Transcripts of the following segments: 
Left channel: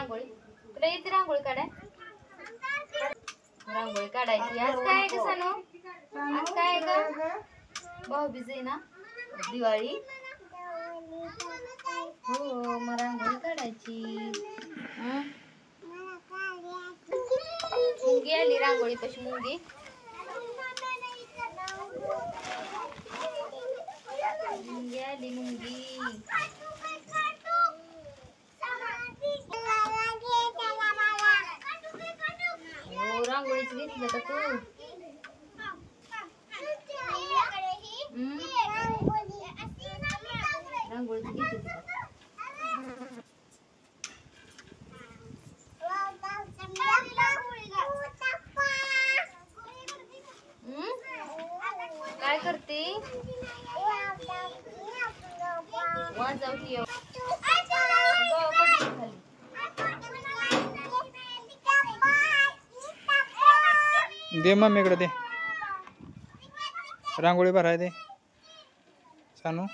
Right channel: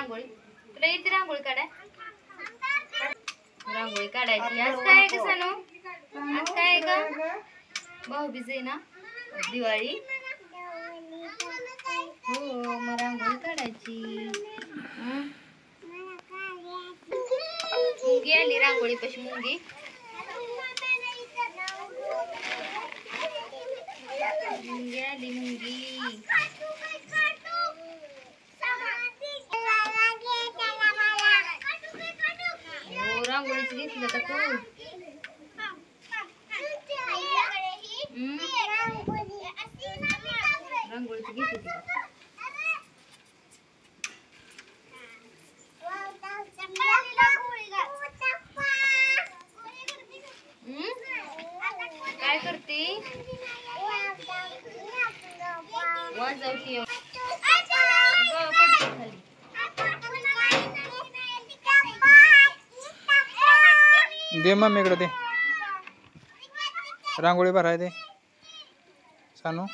रांगोळी? तुला येते रांगोळी काढाय? रांगोळी काढायची. आज काय आहे ग सानू? आज काय आहे ग? भाऊबीज आहे ना, दिवाळी. हो, मग रांगोळी काढायची. मुंगी आली रांगोळी पाशी. मुंगी मुंगी आली. मुंगी हो, रांगोळीच घेतलं का तू? रांगोळीच घेतली का? काय करते? वाजवती. पडते खाली. दे मम्मीकडे दे. रांगोळी भराय दे सानू.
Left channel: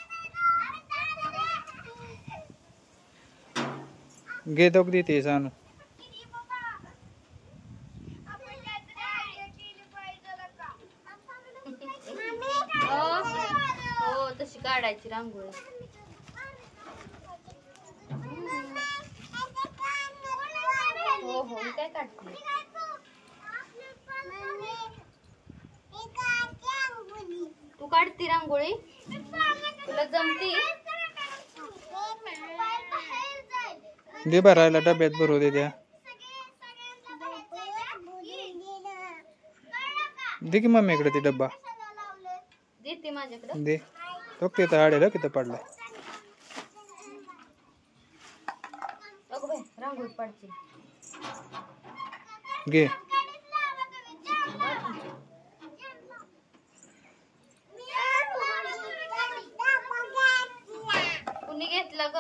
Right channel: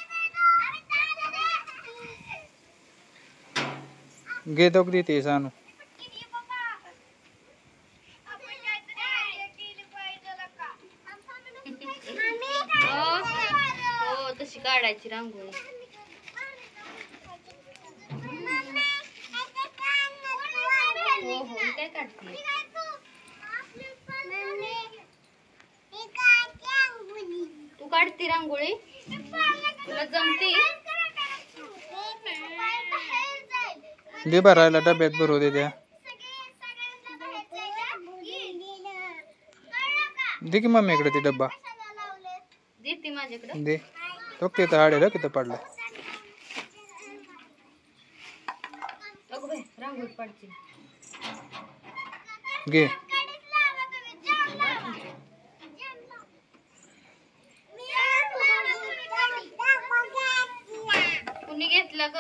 घे तो देते सानू. हो, तशी काढायची रांगोळी. हो हो, काय काढते? तू काढती रांगोळी? तुला जमती? दे भरायला, डब्यात भरू दे. द्या दे की मम्मीकडे ते डब्बा. देते माझ्याकडे. दे तो तिथं आडेल किती पडलाय. अगं बाई, रांगोळी पाडची. घे. कुणी घेतलं ग?